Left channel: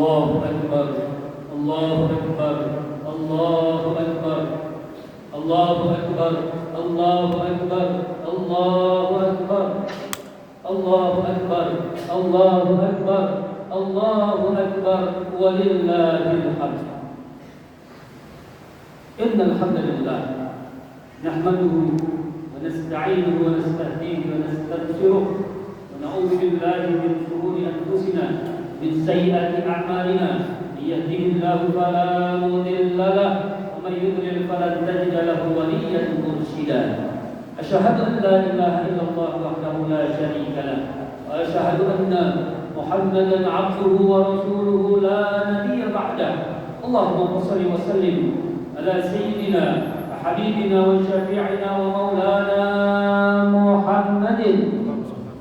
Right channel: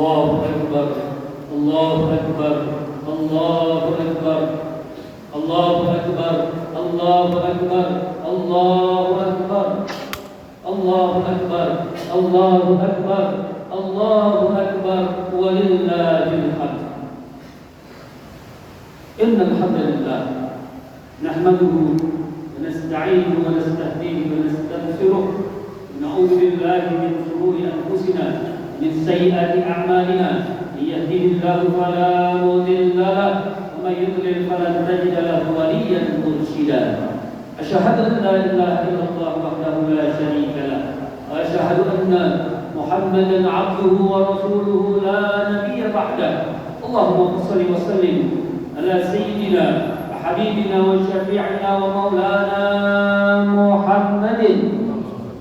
Allahu Akbar, Allahu Akbar, Allahu Akbar, Allahu Akbar, Allahu Akbar, Allahu Akbar, Allahu Akbar, Allahu Akbar, Allahu Akbar, walillahil hamd. Innal hamdalillah nahmaduhu wa nasta'inuhu wa nastahdihi wa nastaghfiruh wa na'udzu billahi min shururi anfusina min sayyiati a'malina may yahdihillahu fala mudilla lahu wa may yudlil falan tajida lahu waliyyan murshida. Asyhadu an la ilaha illallah wahdahu la syarika lahu wa asyhadu anna Muhammadan 'abduhu wa rasuluhu la nabiyya ba'dahu. Allahumma shalli wa sallim ala sayyidina wa habibina wa syafi'ina wa maulana Muhammadin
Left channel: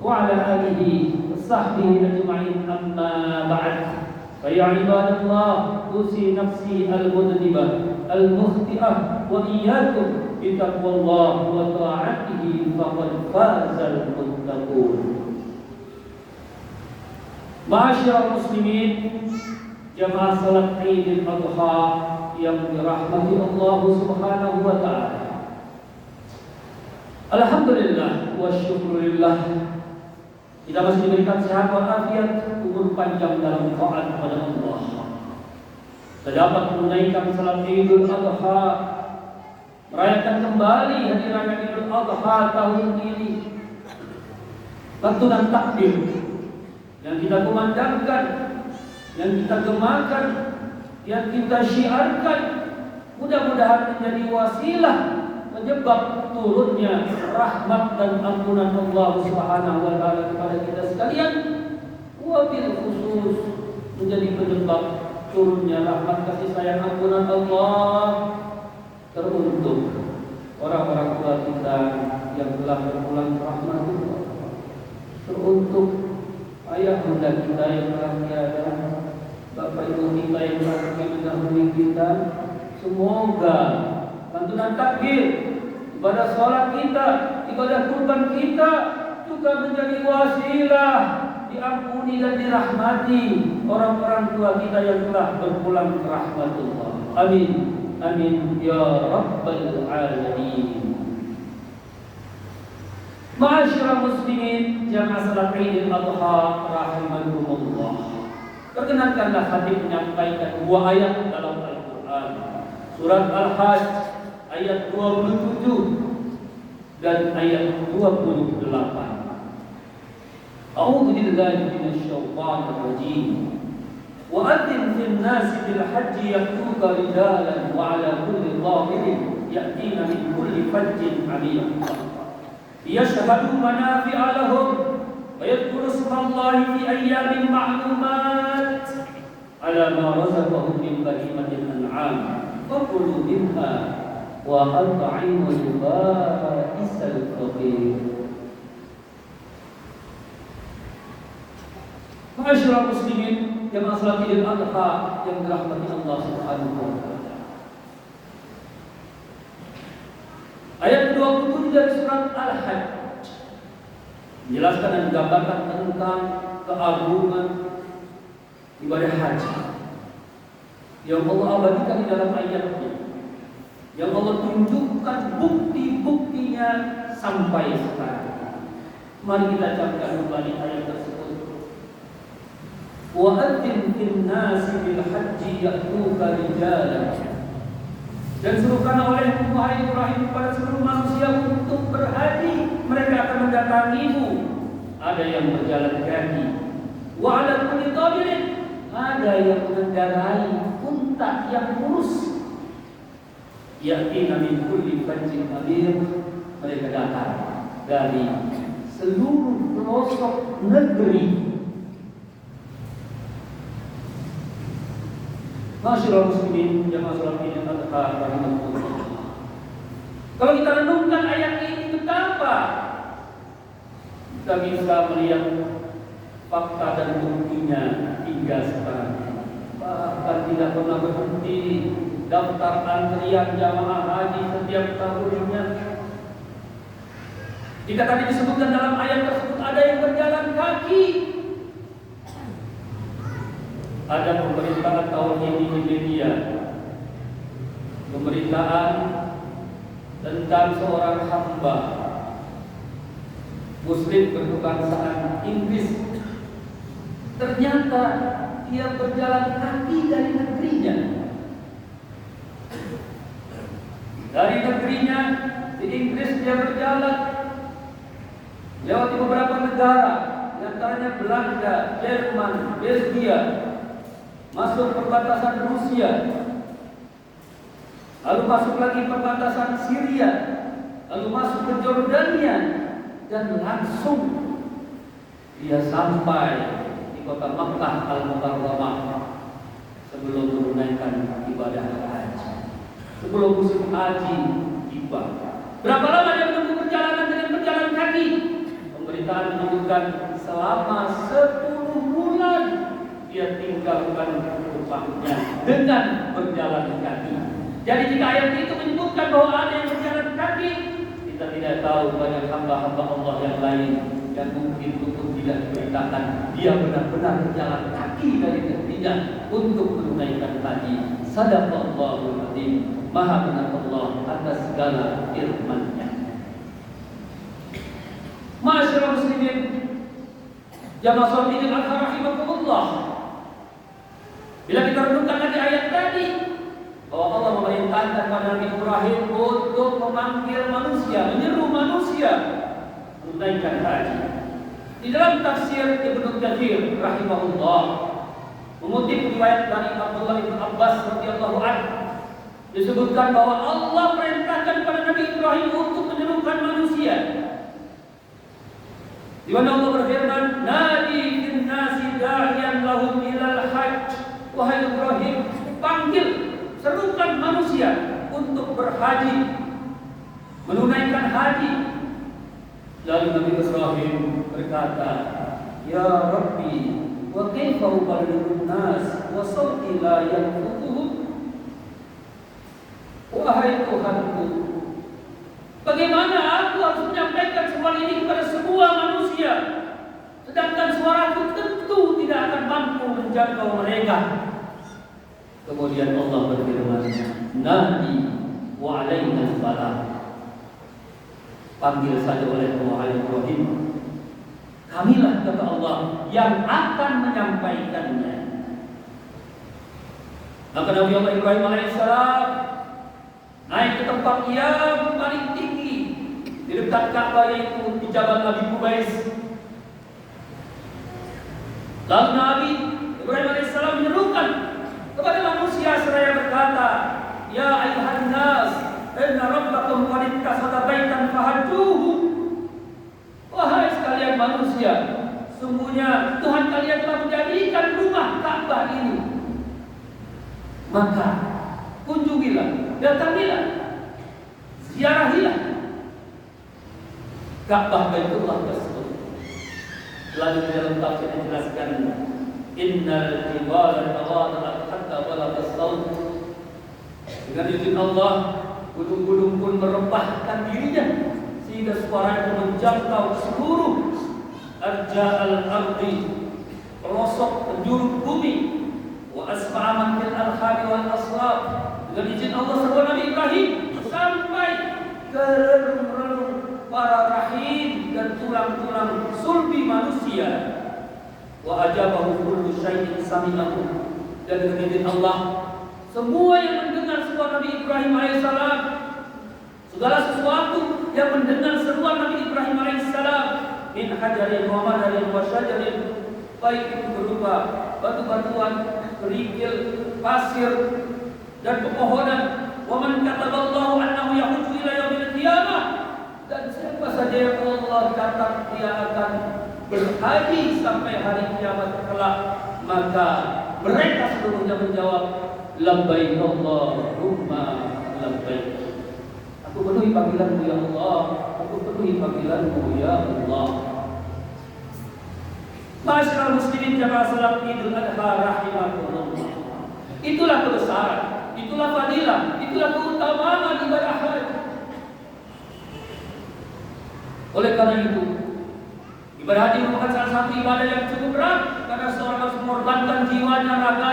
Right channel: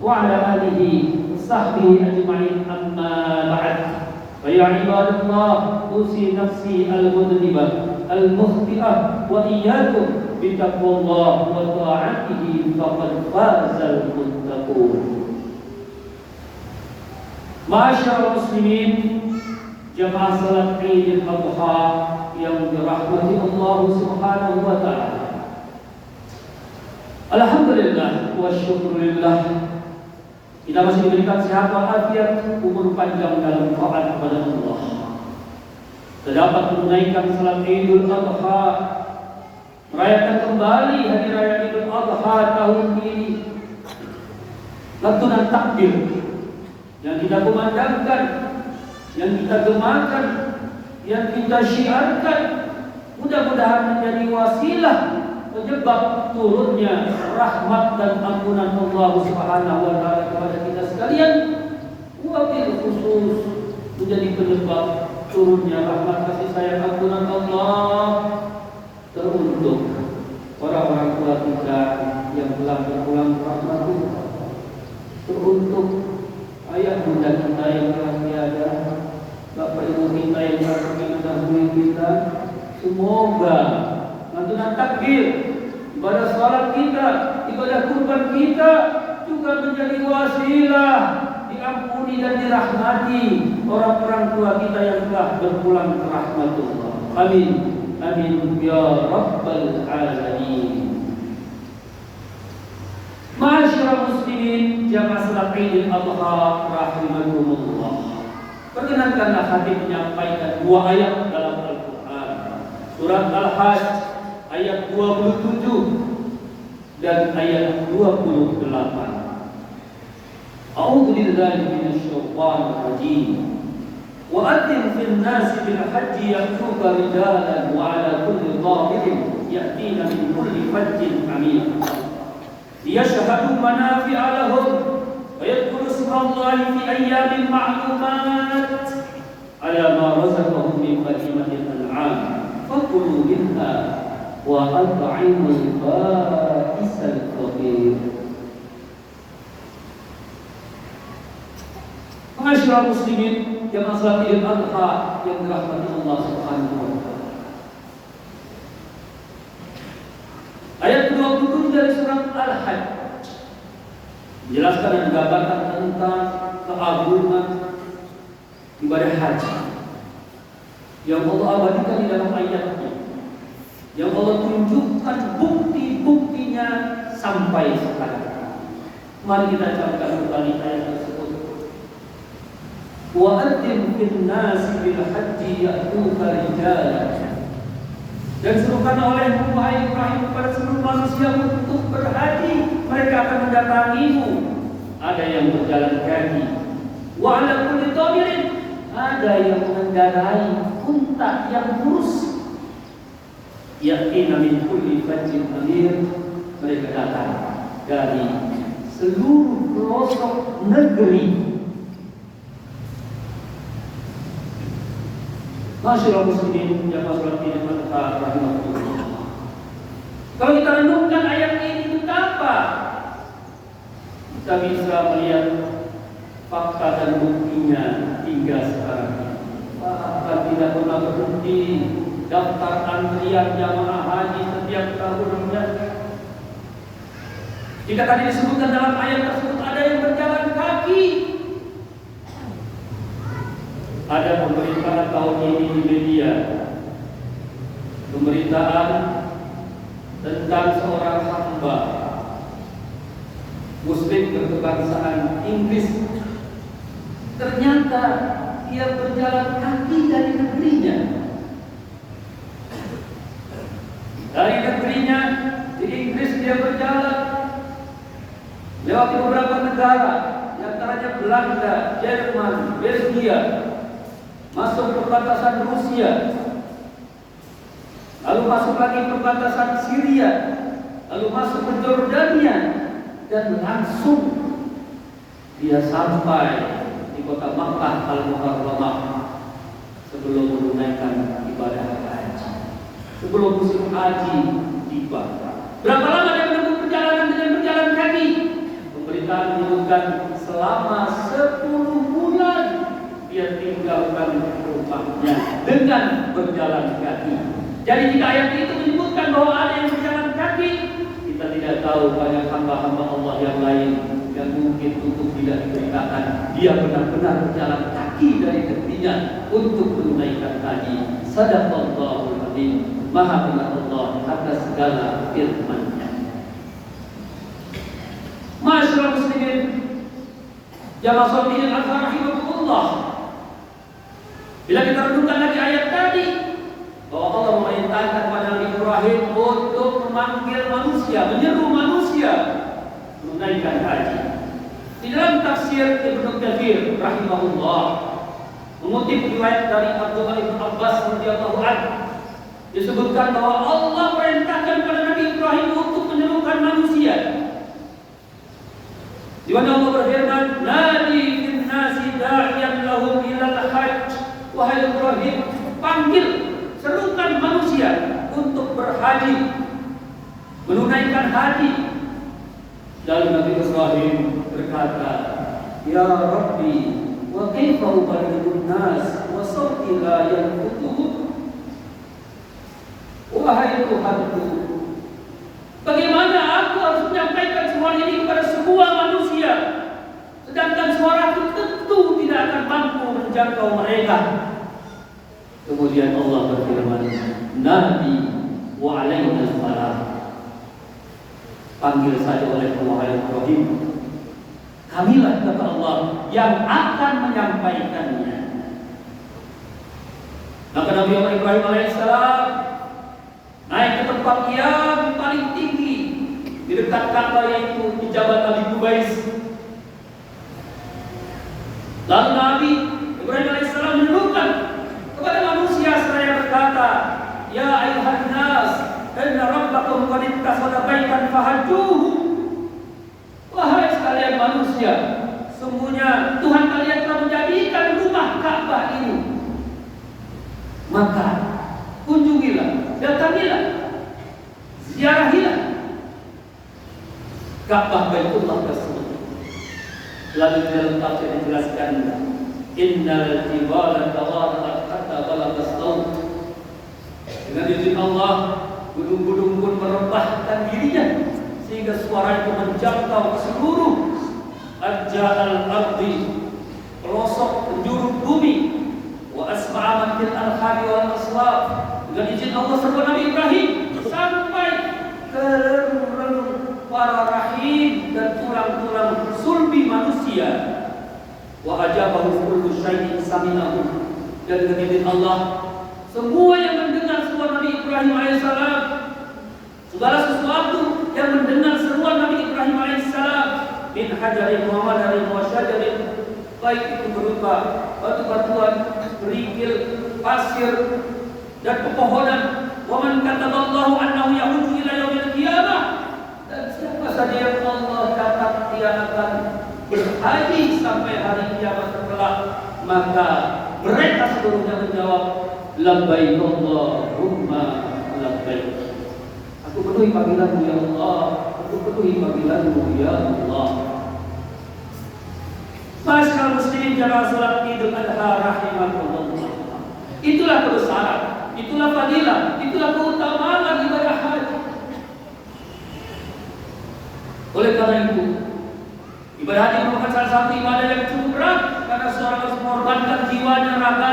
wa ala alihi wa sahbihi ajma'in, amma ba'd. Fa ya ibadallah, usi nafsi al-mudhnibah al-mukhti'ah wa iyyakum bi taqwallah wa ta'atihi faqad fazal muttaqun. Ma'asyiral muslimin, jamaah salat Idul Adha yang dirahmati Allah Subhanahu wa taala. Alhamdulillah wa syukurillah, kita masih diberikan sehat walafiat, umur panjang dalam taat kepada Allah. Kita dapat menunaikan salat Idul Adha, merayakan kembali hari raya Idul Adha tahun ini. Lantunan takbir yang kita kumandangkan, yang kita gemakan, yang kita syiarkan, mudah-mudahan menjadi wasilah penyebab turunnya rahmat dan ampunan Allah Subhanahu wa taala kepada kita sekalian, wabil khusus menjadi penyebab turunnya rahmat kasih sayang ampunan Allah teruntuk orang-orang tua kita yang telah berpulang ke rahmatullah, teruntuk ayah bunda kita yang telah tiada, bapak ibu kita yang telah mendahului kita. Semoga lantunan takbir, ibadah salat kita, ibadah kurban kita juga menjadi wasilah diampuni dan dirahmati orang-orang tua kita yang telah berpulang ke rahmatullah. Amin, amin ya rabbal alamin. Ma'asyiral muslimin, jamaah salat Idul Adha rahimakumullah. Perkenankanlah hati menyampaikan dua ayat dalam Al-Quran. Surat Al-Hajj ayat 27 dan ayat 28. A'udzu billahi minasyaitonir rajim. Wa adzin fil nasi bil hajji ya'tuka rijalan wa 'ala kulli dhamirin ya'tina min kulli fajjin 'amiq. Liyashhadu manafi'a lahum wa yadhkuru ismallahi fi ayyamin ma'lumat 'ala ma razaqahum min bahimatil an'am fakulu minha wa at'imul ba'isal faqir. Ma'asyiral muslimin, jamaah salat Idul Adha yang dirahmati Allah Subhanahu wa taala. Ayat 27 dari surat Al-Hajj menjelaskan dan menggambarkan tentang keagungan ibadah haji yang Allah abadikan di dalam ayatnya, yang Allah tunjukkan bukti-buktinya sampai sekarang. Mari kita camkan kembali ayat tersebut. Wa adzin fil nasi bil hajji ya'tuka rijalan. Dan serukan oleh Wahai Ibrahim kepada seluruh manusia untuk berhaji, mereka akan mendatangimu. Ada yang berjalan kaki, wa ala kulli dhamirin, ada yang mengendarai unta yang lurus. Ya'tina min kulli fajjin amir, mereka datang dari seluruh pelosok negeri. Ma'asyiral muslimin, jamaah salat Idul Adha rahimakumullah. Kalau kita renungkan ayat ini betapa kita bisa melihat fakta dan buktinya hingga sekarang. Bahkan tidak pernah berhenti daftar antrian jamaah haji setiap tahunnya. Jika tadi disebutkan dalam ayat tersebut ada yang berjalan kaki, ada pemberitaan tahun ini di media, pemberitaan tentang seorang hamba Muslim berkebangsaan Inggris. Ternyata dia berjalan kaki dari negerinya. Dari negerinya di Inggris dia berjalan lewati beberapa negara, di antaranya Belanda, Jerman, Belgia, masuk perbatasan Rusia, lalu masuk lagi perbatasan Syria, lalu masuk ke Jordania, dan langsung dia sampai di kota Makkah Al-Mukarramah sebelum menunaikan ibadah haji, sebelum musim haji tiba. Berapa lama dia menempuh perjalanan dengan berjalan kaki? Pemberitaan menyebutkan selama 10 bulan dia tinggalkan rumahnya dengan berjalan kaki. Jadi jika ayat itu menyebutkan bahwa ada yang berjalan kaki, kita tidak tahu banyak hamba-hamba Allah yang lain yang mungkin untuk tidak diberitakan dia benar-benar berjalan kaki dari negerinya untuk menunaikan haji. Sadaqallahul azim. Maha benar Allah atas segala firman-Nya. Masyaallah muslimin, jamaah sholihin rahimakumullah. Bila kita renungkan lagi ayat tadi, bahwa Allah memerintahkan pada Nabi Ibrahim untuk memanggil manusia, menyeru manusia menunaikan haji. Di dalam tafsir Ibnu Katsir rahimahullah mengutip riwayat dari Abdullah bin Abbas radhiyallahu anhu, disebutkan bahwa Allah perintahkan pada Nabi Ibrahim untuk menyerukan manusia. Di mana Allah berfirman, "Nadi fin nasi da'iyan lahum ilal hajj." Wahai Ibrahim, panggil, serukan manusia untuk berhaji, menunaikan haji. Lalu Nabi Ibrahim berkata, "Ya Rabbi, wa kaifa uballighun nas wa sawti la yanfutuhu?" Wahai Tuhanku, bagaimana aku harus menyampaikan semua ini kepada semua manusia, sedangkan suaraku tentu tidak akan mampu menjangkau mereka. Kemudian Allah berfirman, "Nabi wa alaina salam." Panggil saja oleh wahai Ibrahim, kamilah kata Allah yang akan menyampaikannya. Maka Nabi Ibrahim alaihissalam naik ke tempat yang paling tinggi di dekat Ka'bah, yaitu di Jabal Abi Qubais. Lalu Nabi Ibrahim alaihissalam menyerukan kepada manusia seraya berkata, "Ya ayuhan nas, inna rabbakum qad ittakhadha baitan fahajjuhu." Wahai sekalian manusia, sungguhnya Tuhan kalian telah menjadikan rumah Ka'bah ini. Maka kunjungilah, datangilah, ziarahilah Ka'bah Baitullah tersebut. Lalu di dalam tafsir dijelaskan, "Innal jibala tawarat hatta balagas saut." Dengan izin Allah, gunung-gunung pun merebahkan dirinya sehingga suara itu menjangkau seluruh arja'al ardi, pelosok penjuru bumi. Wa asma'a man fil arham wal aslab. Dengan izin Allah serta Nabi Ibrahim sampai ke relung para rahim dan tulang-tulang sulbi manusia. Wa ajabahu kullu syai'in sami'ahu. Dan dengan izin Allah, semua yang mendengar suara Nabi Ibrahim alaihissalam, segala sesuatu yang mendengar seruan Nabi Ibrahim alaihissalam, min hajarin wa madarin wa syajarin, baik itu berupa batu-batuan, kerikil, pasir, dan pepohonan. Wa man kataballahu annahu yahuju ila yaumil qiyamah, dan siapa saja yang Allah catat dia akan berhaji sampai hari kiamat kelak, maka mereka seluruhnya menjawab, labbaik Allahumma labbaik. Aku penuhi panggilanmu ya Allah, aku penuhi panggilanmu ya Allah. Masyaallah muslimin jamaah salat Idul Adha rahimakumullah. Itulah kebesaran, itulah fadilah, itulah keutamaan ibadah haji. Oleh karena itu, ibadah haji merupakan salah satu ibadah yang cukup berat karena seorang harus mengorbankan jiwanya, raga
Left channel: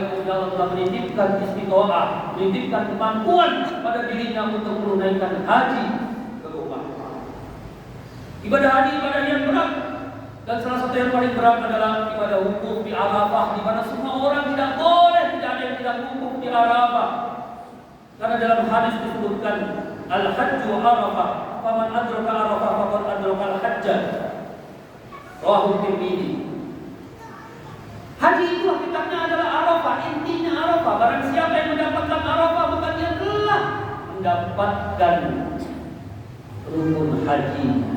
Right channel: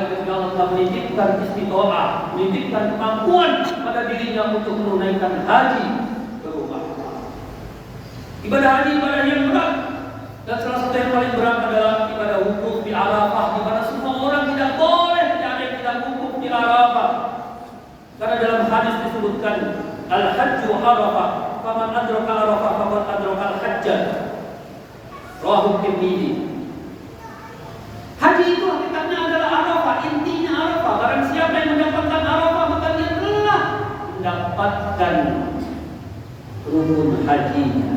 apalagi ketika Allah menitipkan istiqomah, menitipkan kemampuan pada dirinya untuk menunaikan haji ke rumah. Ibadah haji ibadah yang berat, dan salah satu yang paling berat adalah ibadah wukuf di Arafah, di mana semua orang tidak boleh, tidak ada yang tidak wukuf di Arafah. Karena dalam hadis disebutkan al-hajju Arafah, faman adraka Arafah faqad adraka al-hajja. Rawahu Tirmidzi. Haji itu hakikatnya adalah Arafah, intinya Arafah. Barang siapa yang mendapatkan Arafah, maka dia telah mendapatkan rukun hajinya.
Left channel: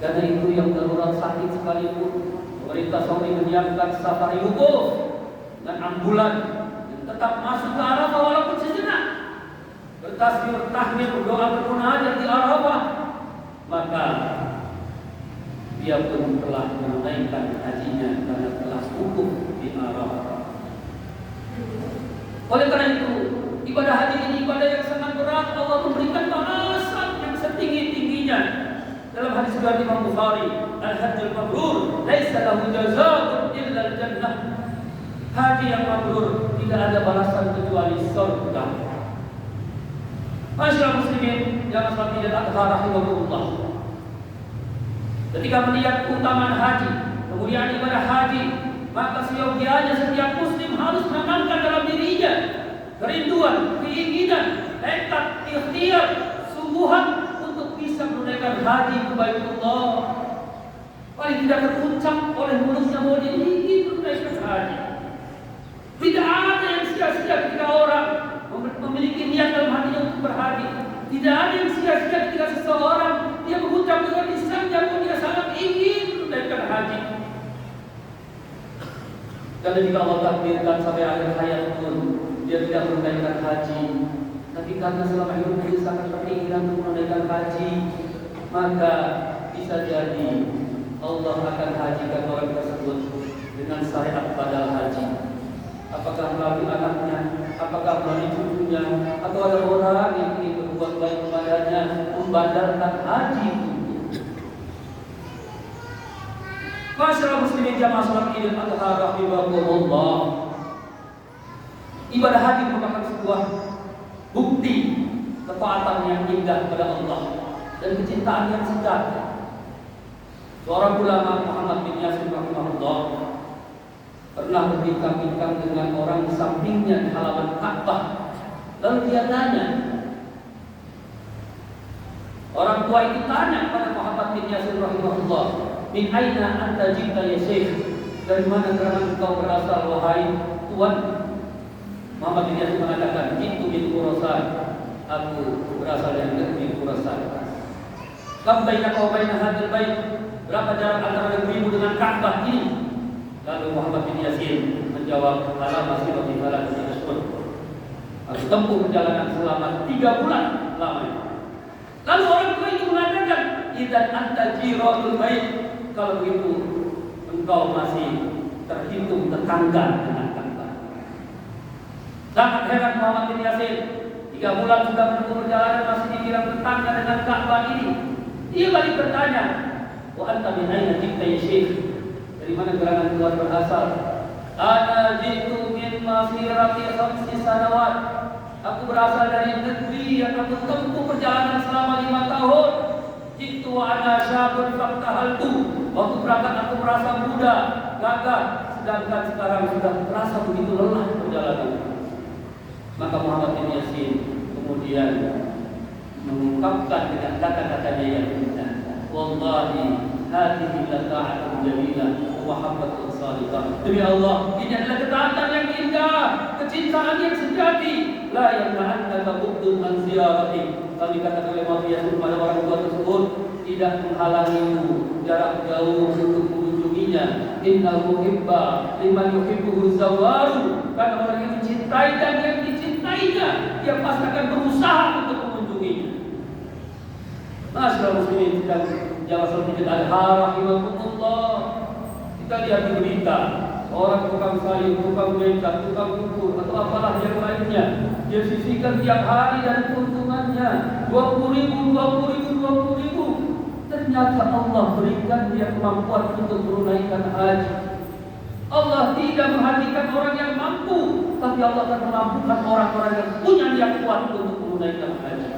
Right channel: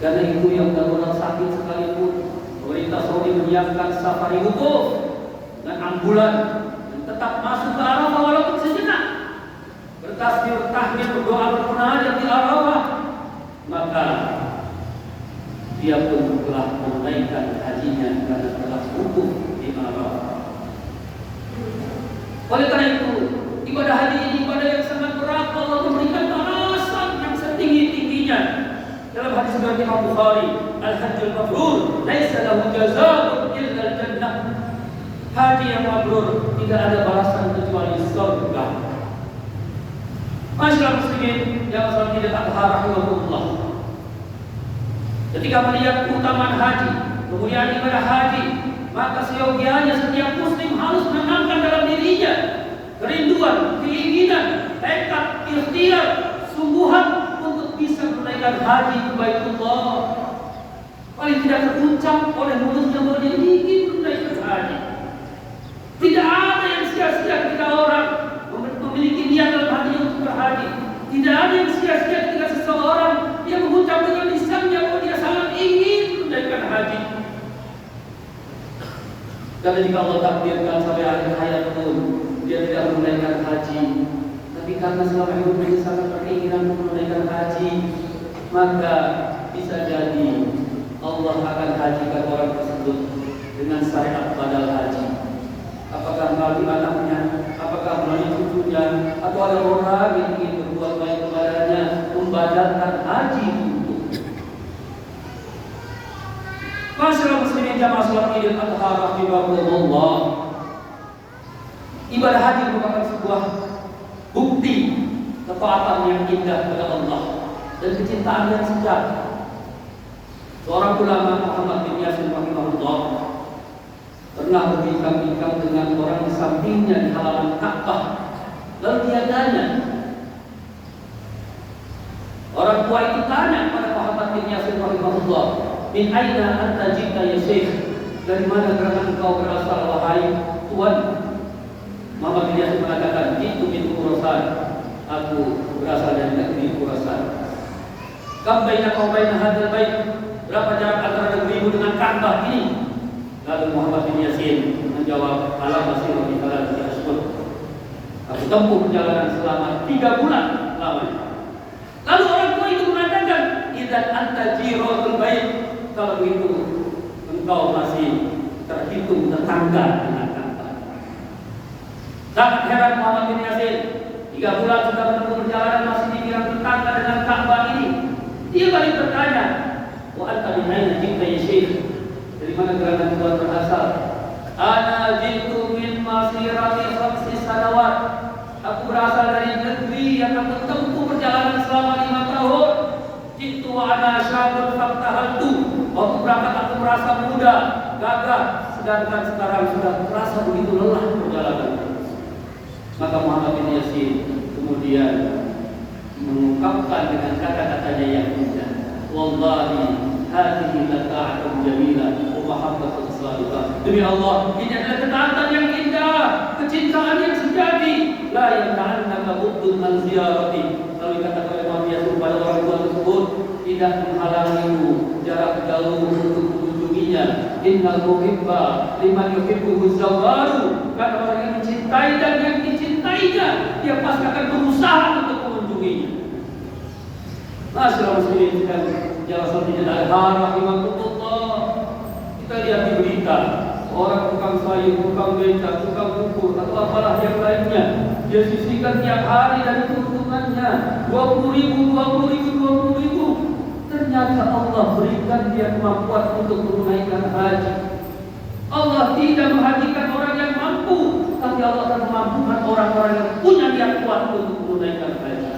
Karena itu yang darurat sakit sekalipun, pemerintah Saudi menyiapkan safari wukuf dengan ambulan dan tetap masuk ke Arafah walaupun sejenak, bertasbih, tahmid, berdoa, bermunajat di Arafah, maka dia pun telah menunaikan hajinya karena telah wukuf di Arafah. Oleh karena itu, ibadah haji ini ibadah yang sangat berat. Allah memberikan balasan yang setinggi-tingginya. Dalam hadis riwayat Imam Bukhari, al-hajjul mabrur laisa lahu jazaa'un illa al-jannah. Haji yang mabrur tidak ada balasan kecuali surga. Masyaallah muslimin yang salat Idul Adha rahimahullah. Ketika melihat keutamaan haji, kemuliaan ibadah haji, maka seyogianya setiap muslim harus menanamkan dalam dirinya kerinduan, keinginan, tekad, ikhtiar, sungguhan untuk bisa menunaikan haji ke Baitullah. Paling tidak terucap oleh mulutnya bahwa dia ingin menunaikan haji. Tidak ada yang sia-sia ketika orang memiliki niat dalam hatinya untuk berhaji. Tidak ada yang sia-sia ketika seseorang dia mengucap dengan lisannya bahwa dia sangat ingin menunaikan haji. Karena jika Allah takdirkan sampai akhir hayat pun dia tidak menunaikan haji, tapi karena selama hidupnya dia sangat berkeinginan menunaikan haji, maka bisa jadi Allah akan hajikan orang tersebut dengan syariat badal haji. Apakah melalui anaknya, apakah melalui cucunya, atau ada orang yang ingin berbuat baik kepadanya, membadalkan haji untuknya. Masyaallah muslimin jamaah salat Idul Adha rahimahullah. Ibadah haji merupakan sebuah bukti ketaatan yang indah kepada Allah dan kecintaan yang sejati. Seorang ulama Muhammad bin Yasir rahimahullah pernah berbincang-bincang dengan orang di sampingnya di halaman Ka'bah. Lalu dia tanya, orang tua itu tanya pada Muhammad bin Yasir rahimahullah, "Min aina anta jita ya Syekh?" Dari mana gerangan engkau berasal wahai Tuan? Muhammad bin Yasir mengatakan, "Itu Khurasan. Aku berasal dari negeri Khurasan." "Kam bainaka wa bain hadzal bait?" Berapa jarak antara negerimu dengan Ka'bah ini? Lalu Muhammad bin Yasin menjawab, "Ala masirati thalathati ashhur." Aku tempuh perjalanan selama 3 bulan lamanya. Lalu orang tua itu mengatakan, "Idzan anta jiratul bait." Kalau begitu, engkau masih terhitung tetangga dengan Ka'bah. Sangat heran Muhammad bin Yasin, 3 bulan sudah menempuh perjalanan masih dibilang tetangga dengan Ka'bah ini. Dia balik bertanya, "Wa anta min aina jita ya Syekh?" Dari mana gerangan Tuhan berasal? "Ana jitu min masirati khamsi sanawat." Aku berasal dari negeri yang aku tempuh perjalanan selama 5 tahun. Jitu ana syabun faktahaltu. Waktu berangkat aku merasa muda, gagah, sedangkan sekarang sudah merasa begitu lelah perjalanan. Maka Muhammad bin Yasin kemudian mengungkapkan dengan kata-katanya yang indah, "Wallahi hadhihi lata'atun jamilah wa mahabbatun salihah." Demi Allah, ini adalah ketaatan yang indah, kecintaan yang sejati. La yamna'annaka buddun an ziyarati. Lalu kata Muhammad bin Yasin kepada orang tua tersebut, tidak menghalangimu jarak jauh untuk mengunjunginya. Innal muhibba liman yuhibbuhu zawaru. Kata orang yang mencintai dan yang dicintainya, dia pasti akan berusaha untuk mengunjunginya. Masyaallah muslimin dan jamaah Idul Adha rahimahullah. Kita lihat di berita, orang tukang sayur, tukang beca, tukang ukur atau apalah yang lainnya, dia sisihkan tiap hari dari keuntungannya 20.000. Ternyata Allah berikan dia kemampuan untuk menunaikan haji. Allah tidak menghajikan orang yang mampu, tapi Allah akan memampukan orang-orang yang punya niat kuat untuk menunaikan haji.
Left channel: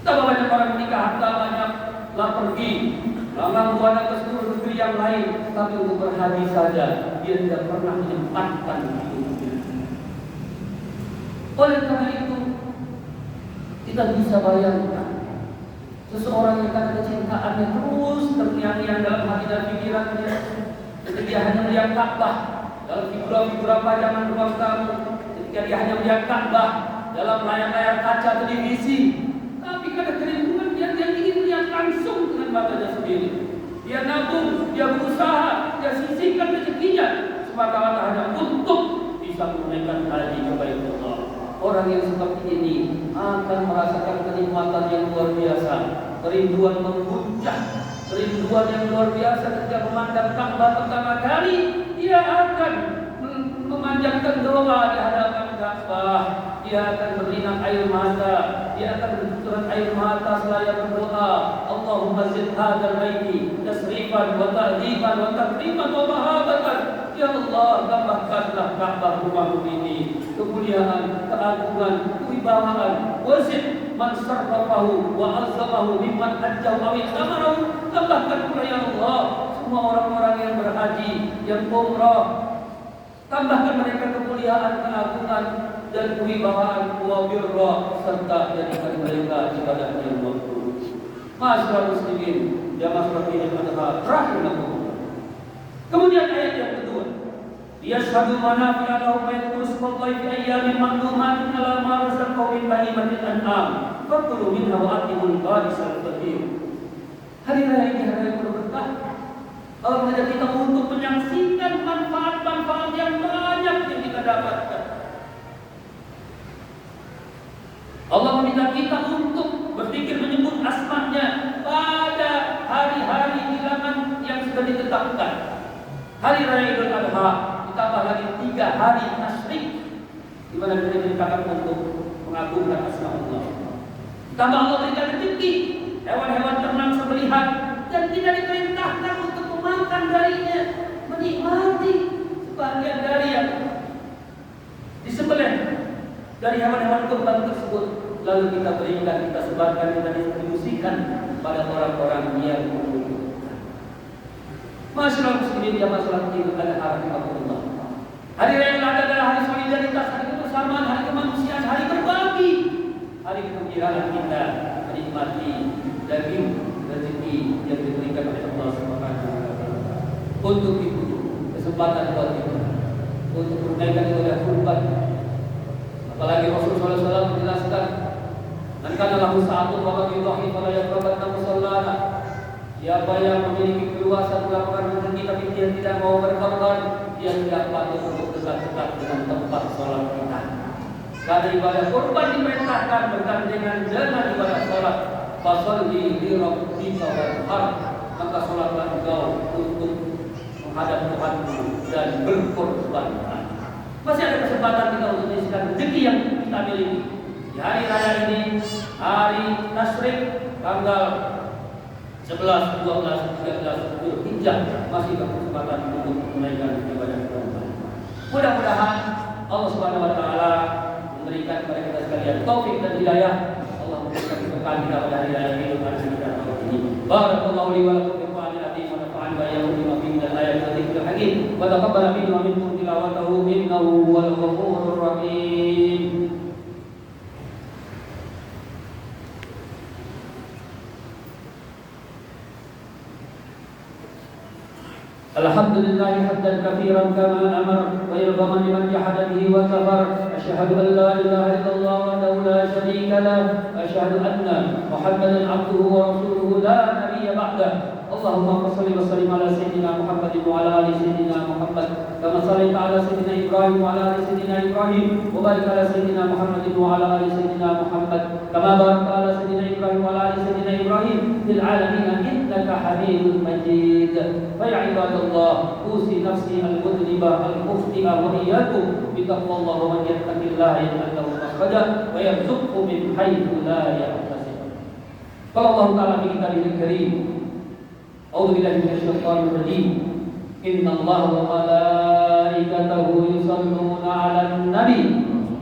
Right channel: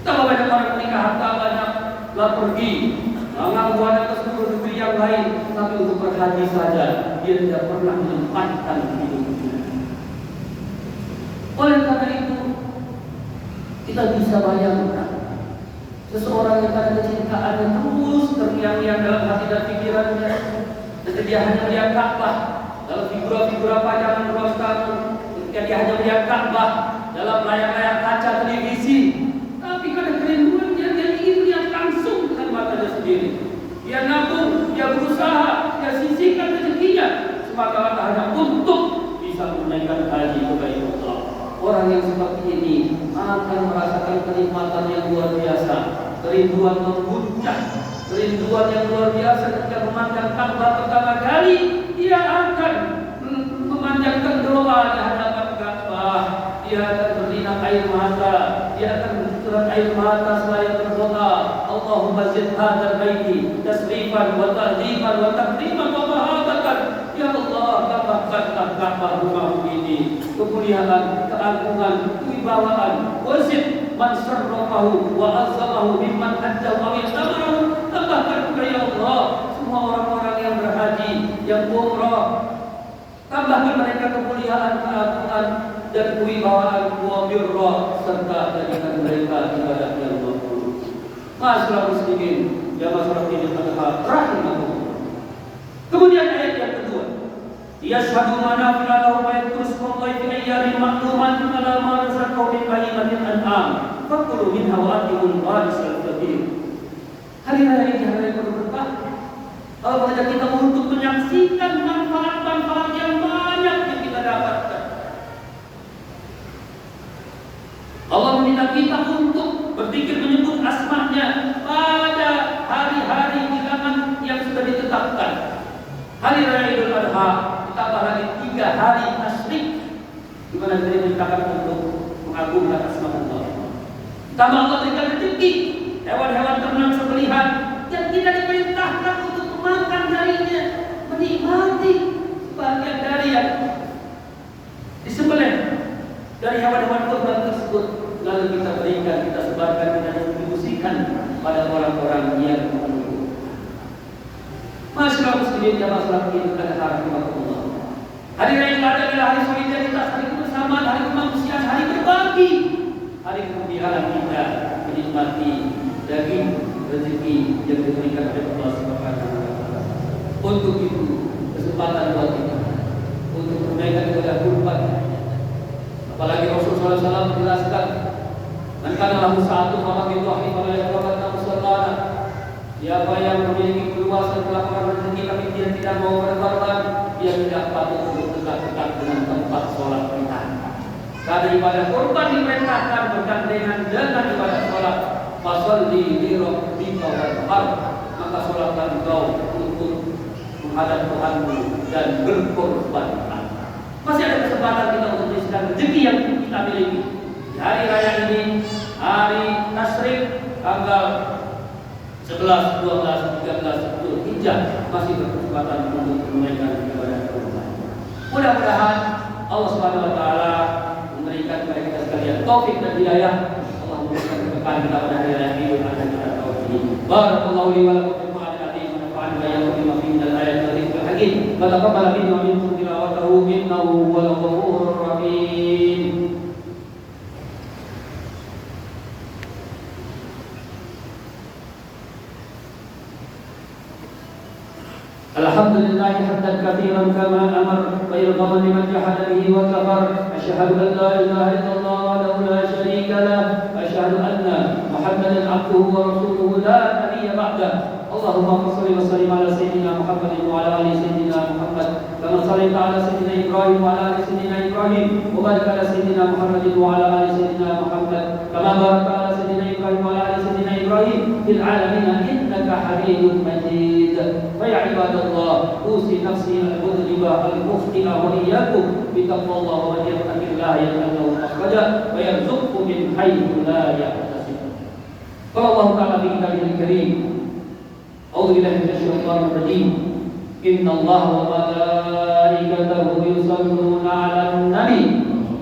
Betapa banyak orang menikah, harta banyak, lah pergi, lalang buana ke seluruh negeri yang lain, tapi untuk berhaji saja dia tidak pernah menyempatkan hidupnya. Oleh karena itu, kita bisa bayangkan seseorang yang karena kecintaannya terus terngiang-ngiang dalam hati dan pikirannya, ketika dia hanya melihat Ka'bah dalam figura-figura pajangan ruang tamu, ketika dia hanya melihat Ka'bah dalam layar-layar kaca televisi, tapi karena kerinduan dia ingin melihat langsung dengan matanya sendiri. Dia nabung, dia berusaha, dia sisihkan rezekinya semata-mata hanya untuk bisa menunaikan haji kepada Allah. Orang yang seperti ini akan merasakan kenikmatan yang luar biasa, kerinduan memuncak, kerinduan yang luar biasa ketika memandang Ka'bah pertama kali. Dia akan memanjatkan doa di hadapan Ka'bah, dia akan berinap air mata, dia akan mencucurkan air mata seraya berdoa, Allahumma zid hadzal baiti tasrifan wa ta'dhiban wa takriman wa mahabatan. Ya Allah, tambahkanlah Ka'bah rumahmu ini kemuliaan, keagungan, kewibawaan. Wazid man syarrafahu wa azamahu mimman hajjahu wa i'tamarahu. Tambahkan pula ya Allah semua orang-orang yang berhaji, yang umrah. Tambahkan mereka kemuliaan, keagungan dan kewibawaan wa birra, serta jadikan mereka ibadah yang makbul. Masyaallah muslimin, ya masyaallah ini adalah rahimahullah. Kemudian ayat yang kedua, yashhadu manafi'a lahum wa yadhkuru ismallahi fi ayyamin ma'lumatin 'ala ma razaqahum min bahimatil an'am fakulu minha wa atimul qadisal kabir. Hari raya ini hari yang penuh berkah. Allah mengajak kita untuk menyaksikan manfaat-manfaat yang banyak yang kita dapatkan. Allah meminta kita untuk berpikir menyebut asma-Nya pada hari-hari bilangan yang sudah ditetapkan. Hari raya Idul Adha, ditambah lagi 3 hari tasyrik di mana diperintahkan untuk mengagungkan asma Allah. Ditambah Allah berikan rezeki, hewan-hewan ternak sembelihan, dan tidak diperintahkan untuk memakan darinya, menikmati sebagian dari yang disembelih dari hewan-hewan kurban tersebut, lalu kita berikan, kita sebarkan dan distribusikan pada orang-orang yang membutuhkan. Masyaallah muslimin yang masalah kita pada hari Allah. Hari raya Idul Adha adalah hari solidaritas, hari kebersamaan, hari kemanusiaan, hari berbagi, hari kegembiraan kita menikmati daging rezeki yang diberikan oleh Allah Subhanahu wa taala. Untuk itu kesempatan buat kita untuk menunaikan ibadah kurban. Apalagi Rasulullah SAW menjelaskan, "Man kana lahu sa'atun fa yudhi fala yaqrabanna musallana." Siapa yang memiliki keluasan lapangan rezeki tapi dia tidak mau berkorban, dia tidak patut untuk dekat-dekat dengan tempat sholat kita. Karena ibadah kurban diperintahkan bergandengan dengan ibadah sholat. Fasalli li rabbika wanhar, maka sholatlah engkau untuk menghadap Tuhanmu dan berkorban. Masih ada kesempatan kita untuk mengisikan rezeki yang kita miliki di hari raya ini, hari tasyrik tanggal 11, 12, 13 Dzulhijjah, masih berkesempatan untuk menunaikan ibadah kurban. Mudah-mudahan Allah Subhanahu wa taala memberikan kepada kita sekalian taufik dan hidayah. Allah memberikan keberkahan kepada hari raya Idul Adha kita tahun ini. Barakallahu li wa lakum fil Qur'anil azim wa nafa'ani wa iyyakum bima fihi min al-ayatil wa dhikril hakim. Wa taqabbal minna wa minkum tilawatahu innahu huwal ghafurur rahim. Alhamdulillah hamdan katsiran kama amar wa yarḍa liman jahada bihi wa kafar. Asyhadu an la ilaha illallah wahdahu la syarika lah, asyhadu anna Muhammadan abduhu wa rasuluhu la nabiyya ba'dah. Allahumma shalli wa sallim ala sayyidina Muhammadin wa ala ali sayyidina Muhammad kama shallaita ala sayyidina Ibrahim wa ala ali sayyidina Ibrahim wa barik ala sayyidina Muhammadin wa ala ali sayyidina Muhammad kama barakta ala sayyidina Ibrahim wa ala ali sayyidina Ibrahim fil alamin innaka Hamidum Majid. Fa ya ibadallah, usi nafsi al-mudhnibah al-mukhti'ah wa iyyakum bitaqwallah wa man yattaqillah yaj'al makhraja wa yarzuqhu min haitsu la yahtasib. Qala Allah ta'ala fi kitabihil karim, a'udzu billahi minasy syaithanir rajim. Innallaha wa malaikatahu yusholluna 'alan nabi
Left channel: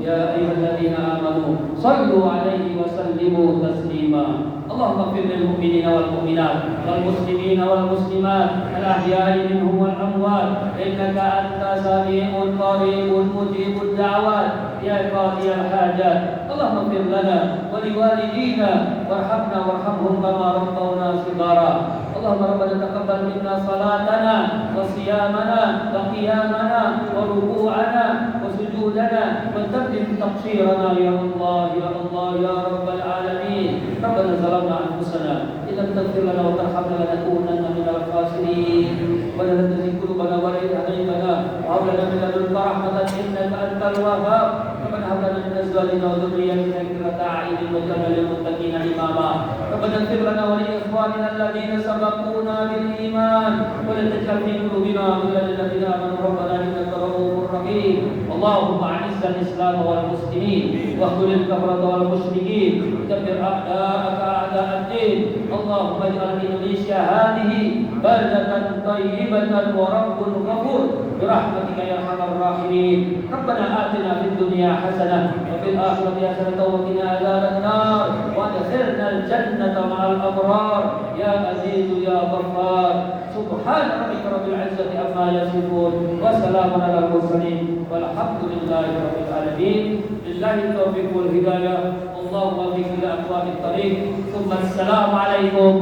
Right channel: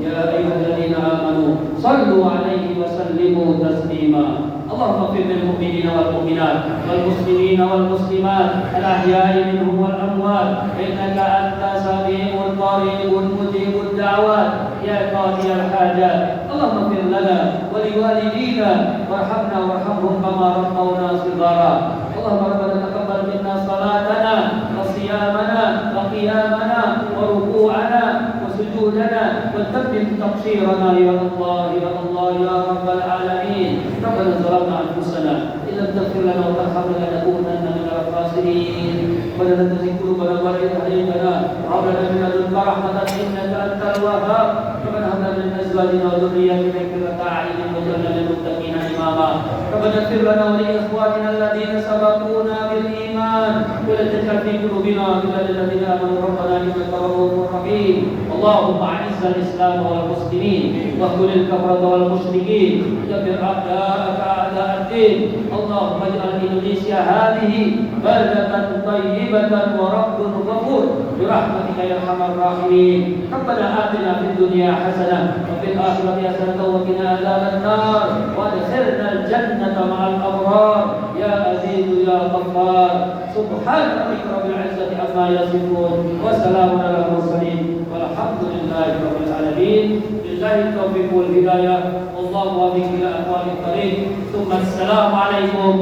ya ayyuhalladzina amanu shallu 'alaihi wa sallimu taslima. Allahumma ighfir lil mu'minina wal mu'minat wal muslimina wal muslimat al ahya'i minhum wal amwat innaka antas sami'un qaribun mujibud da'wat ya qadiyal hajat. Allahumma ighfir lana wa liwalidina warhamna warhamhum kama rabbawna shighara. Allahumma rabbana taqabbal minna salatana wa siyamana wa qiyamana wa ruku'ana wa sujudana wa tabbim taqsirana ya Allah ya Allah ya rabbal alamin. Rabbana zalamna anfusana illam taghfir lana wa tarhamna lanakunanna minal khasirin. Wa la tuzigh qulubana ba'da idh hadaytana wa hab lana min ladunka rahmatan innaka antal wahhab. Rabbana hab lana min azwajina wa dhurriyyatina qurrata a'yunin waj'alna lil muttaqina imama. Rabbana ighfir lana wa li ikhwanina alladhina sabaquna bil iman wa la taj'al fi qulubina ghillan lil ladzina amanu rabbana innaka ra'ufur rahim. Allahumma a'izz al-islam wal muslimin wa khudh al-kafara wal musyrikin dabbir a'da'aka a'da' ad-din. Allahumma ij'al Indonesia hadhihi baldatan thayyibatan wa rabbun ghafur bi rahmatika ya arhamar rahimin. Rabbana atina fid dunya hasanah wa fil akhirati hasanah wa qina adzaban nar wa adkhilna al-jannata ma'al abrar ya aziz ya ghaffar. Subhana rabbika rabbil izzati amma yasifun wa salamun alal mursalin walhamdulillahi rabbil alamin. Billahi taufiq wal hidayah. Wallahu muwaffiq ila aqwamit thariq. Assalamu alaikum